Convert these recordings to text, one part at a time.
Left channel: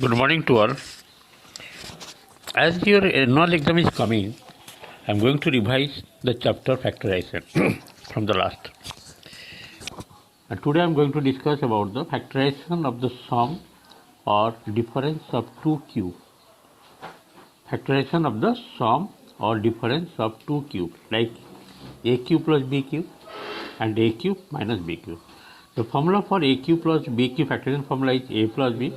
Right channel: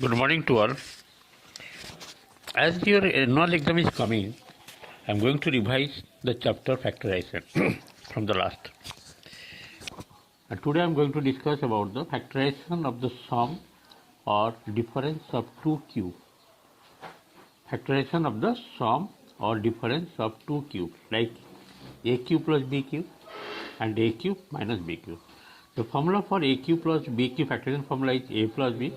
Good morning to all. As your annual exam is coming, I am going to revise the chapter factorization from the last. And today I am going to discuss about the factorization of the sum or difference of two cubes. Factorization of the sum or difference of two cubes like a cube plus b cube and a cube minus b cube. The formula for a cube plus b cube factorization formula is a plus b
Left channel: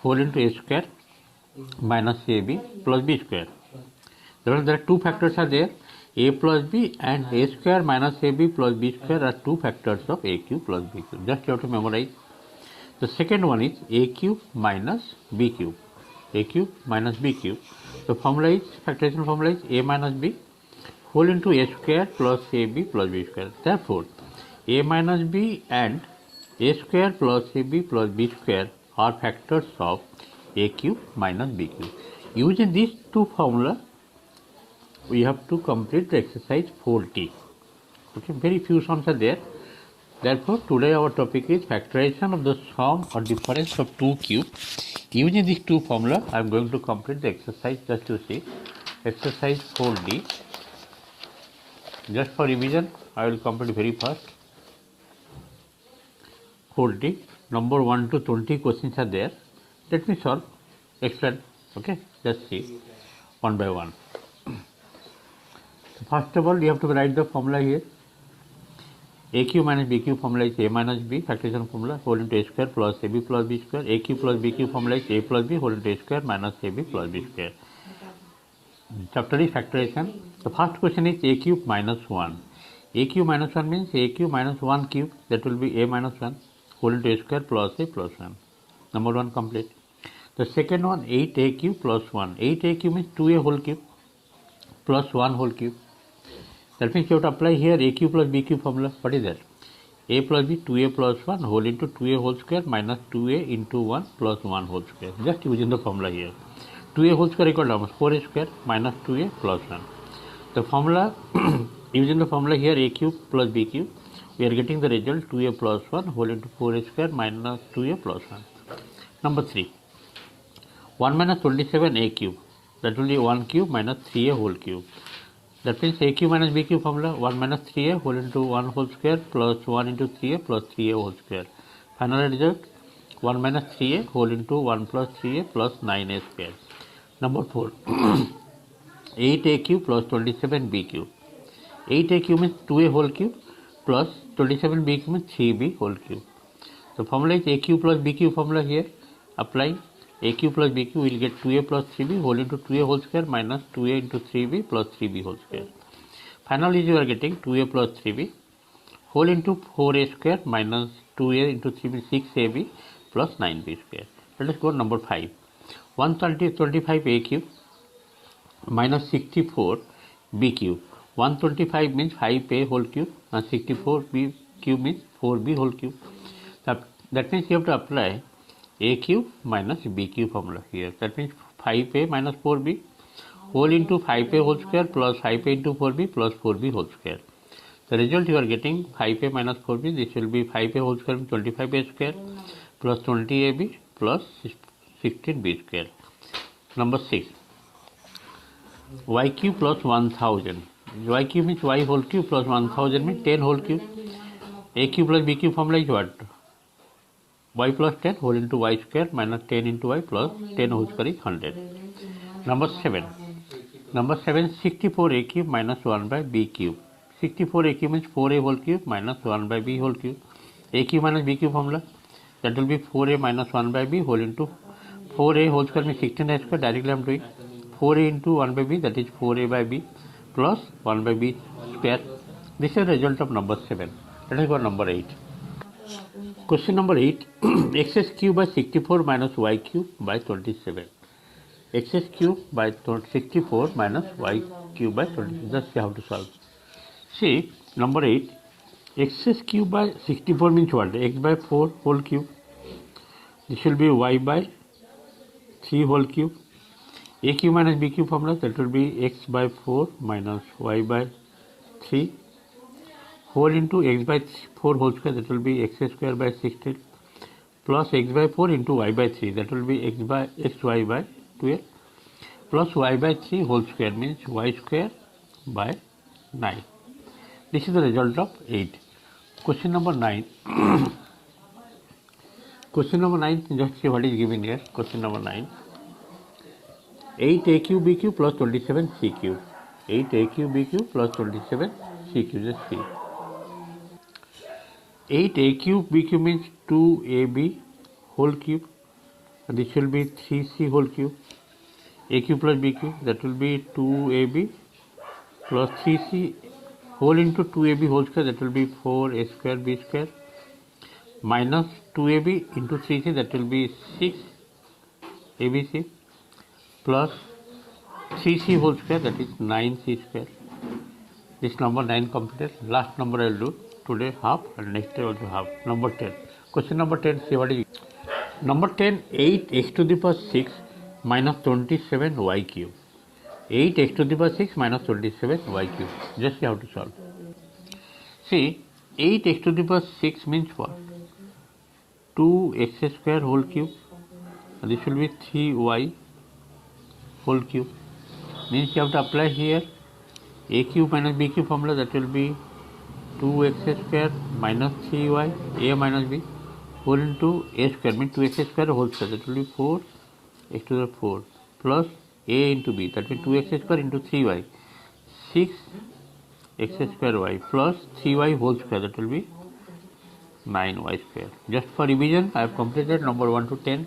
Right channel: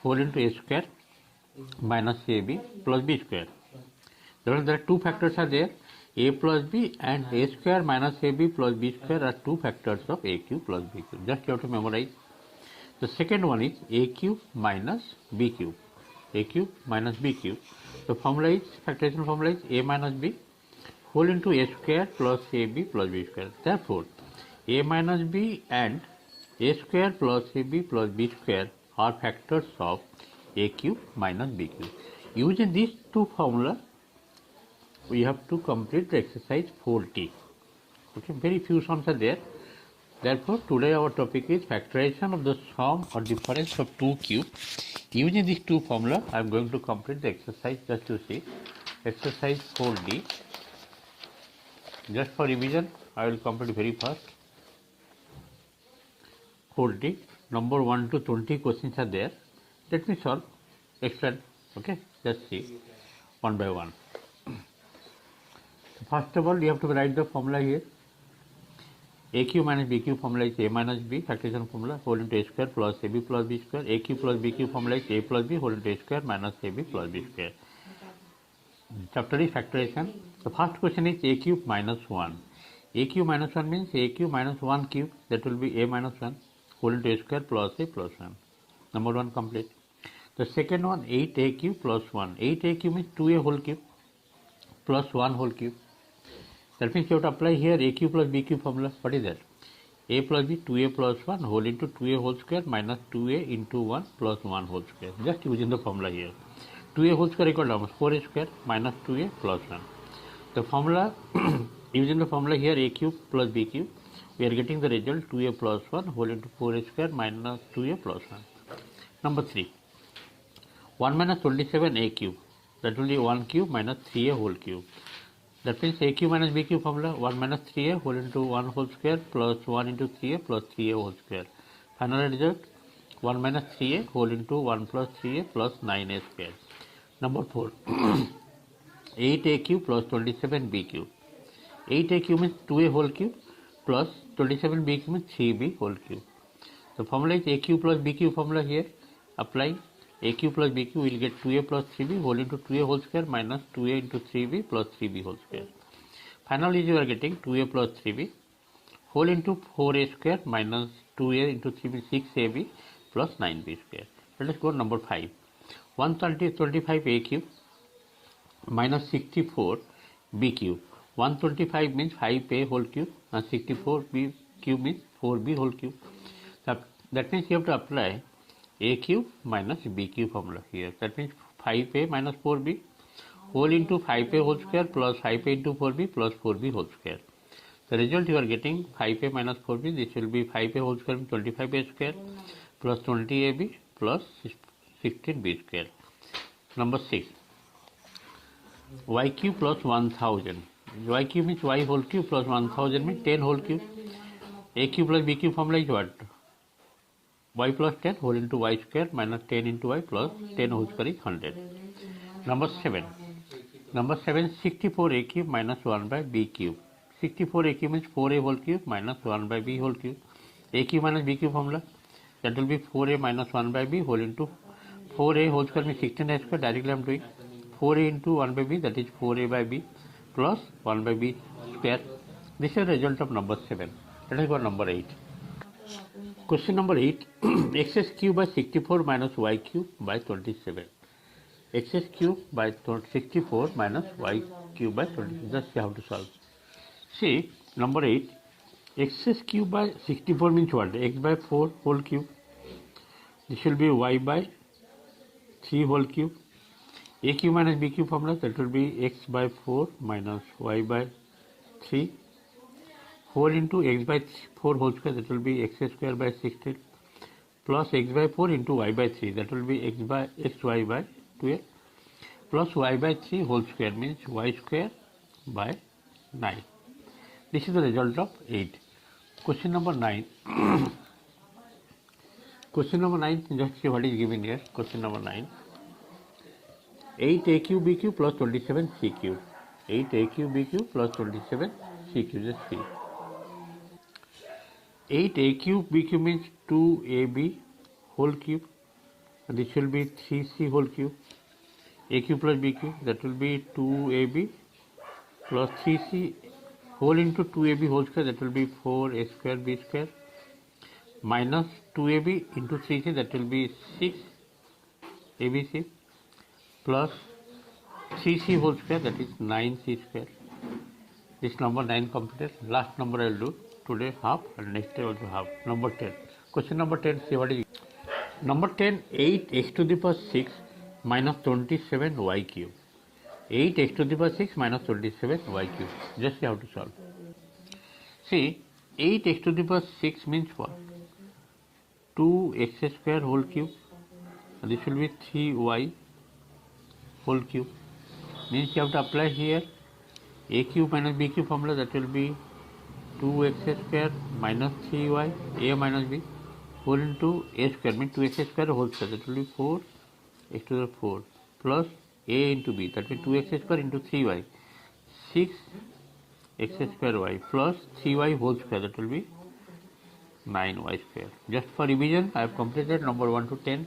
whole into a square minus ab plus b square. There are two factors are there, a plus b and a square minus ab plus b square are two factors of a cube plus b cube. Just you have to memorize. The second one is a cube minus b cube. A cube minus b cube. The formula is, factorization formula is a minus b whole into a square plus ab plus b square. Therefore, a minus b and a square plus ab plus b square are factors of a cube minus b cube. Using these two formulas, we have to complete the exercise 4T. Okay, very few sums are there. Therefore, today our topic is factorization of the sum or difference of two cubes. Using these two formulas, I am going to complete the exercise. Just to see, exercise 4D. Just for revision, I will complete very fast. 4D, number 1 to 20 questions are there. Let me solve, explain. Okay, let's see one by one. First of all, you have to write the formula here. A cube minus b cube formula is a minus b factorization formula whole into a square plus ab plus b square. A cube plus b cube formula is a plus b whole into a square minus ab plus b square. Chapter is factorization. The first question is a cube minus 1. A cube minus 1 means a cube minus 1 cube, that will be a minus 1 whole into a square plus a plus 1. Number 1 complete. The second one, 8a cube plus 1. 8a cube means 2a whole cube plus 1 whole cube. That means you have to apply here a cube plus b cube formula. What is that? A plus b, 2a plus 1 whole into 2a whole square minus 2a into 1 plus 1 whole square. Just using the formula here. 2a whole square equal to 4a square minus 2a plus 1. The formula, using the formula here a cube plus b cube, we are getting the result 2a plus 1 whole into 4a square minus 2a plus 1. Number 3. 1 minus 27a cube, that will be 1 cube minus 3a whole cube. That means a cube minus b cube formula 1 minus 3a whole into 1 whole square plus 1 into 3a plus 3a whole square. Final result 1 minus 3a whole into 1 plus 3a plus 9a square. Number 4. 8a cube plus 27b cube. 8a cube means 2a whole cube plus 27b cube means 3b whole cube. The formula is a cube plus b cube formula here. Applying a cube plus b cube, we will get 2a plus 3b whole into 2a whole square minus 2a into 3b plus 3b whole square. Finally, you are getting 2a plus 3b whole into 4a square minus 2a into 3b 6ab plus 9b square. Let us go to number 5. 125a cube minus 64b cube. 125 means 5a whole cube and 64b cube means 4b whole cube. That means you have to apply a cube minus b cube formula here. That means 5a minus 4b whole into 5a whole square plus 5a into 4b plus 4b whole square. The result you are getting 5a minus 4b, this will be 5a whole square 25a square plus 20ab plus 16b square. Number 6. Y cube plus 1000. Y cube means y whole cube plus 1000 means 10 whole cube. A cube plus b cube formula is what? Y plus 10 whole into y square minus 10 into y plus 10 whole square is 100. Number 7. Number 7, 64a cube minus 1 by b cube. 64a cube means 4a whole cube minus 1 by b whole cube. A cube minus b cube formula, that will be 4a minus 1 by b whole into 4a whole square means 16a square. Directly I am doing 4a into 1 by b, that is 4a by b plus 1 by b square. This is the result of number 7. Let us go to number 8. Question number 8. X cube by 64 minus y cube by 27. X cube by 64 minus y cube by 27. Just you have to solve. See, number 8. X cube by 64 means what? X by 4 whole cube. This will be y by 3 whole cube. A cube minus b cube formula, that will be x by 4 minus y by 3 whole into x by 4 whole square, that will be x square by 16 plus x by 4 into y by 3, that will be xy by 12 plus y by 3 whole square, means y square by 9. This is the result of 8. Question number 9. Question number 9, just see what is given here. Question number 9. 8a cube b cube plus 27c cube. 8a cube b cube plus 27c cube. Just see. 8a cube b cube means 2ab whole cube. And this will be 3c whole cube. A cube plus b cube, that will be 2ab plus 3c whole into 2ab whole square, that will be 4a square b square minus 2ab into 3c, that will be 6abc plus 3c whole square, that is 9c square. This number 9 completed. Last number I will do today half and next day also half. Number 10. Question number 10, see what is it. Number 10, 8x to the power 6 minus 27y cube. 8x to the power 6 minus 27y cube. Just see how to solve. See, 8x to the power 6 means what? 2x square whole cube. And this will be 3y whole cube. Means you have to apply here a cube minus b cube formula, that will be 2x square minus 3y, a minus b, whole into a square, means 2x square whole square, that will be 4 x to the 4 plus a into b, that will be 2x square into 3y, 6x square y plus 3y whole square, that will be 9y square. Just for revision, I have completed number 1 to 10,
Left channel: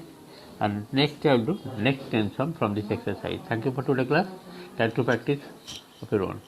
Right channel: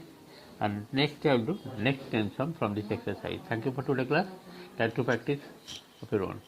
and next I will do next 10 sum from this exercise. Thank you for today's class. Try to practice of your own.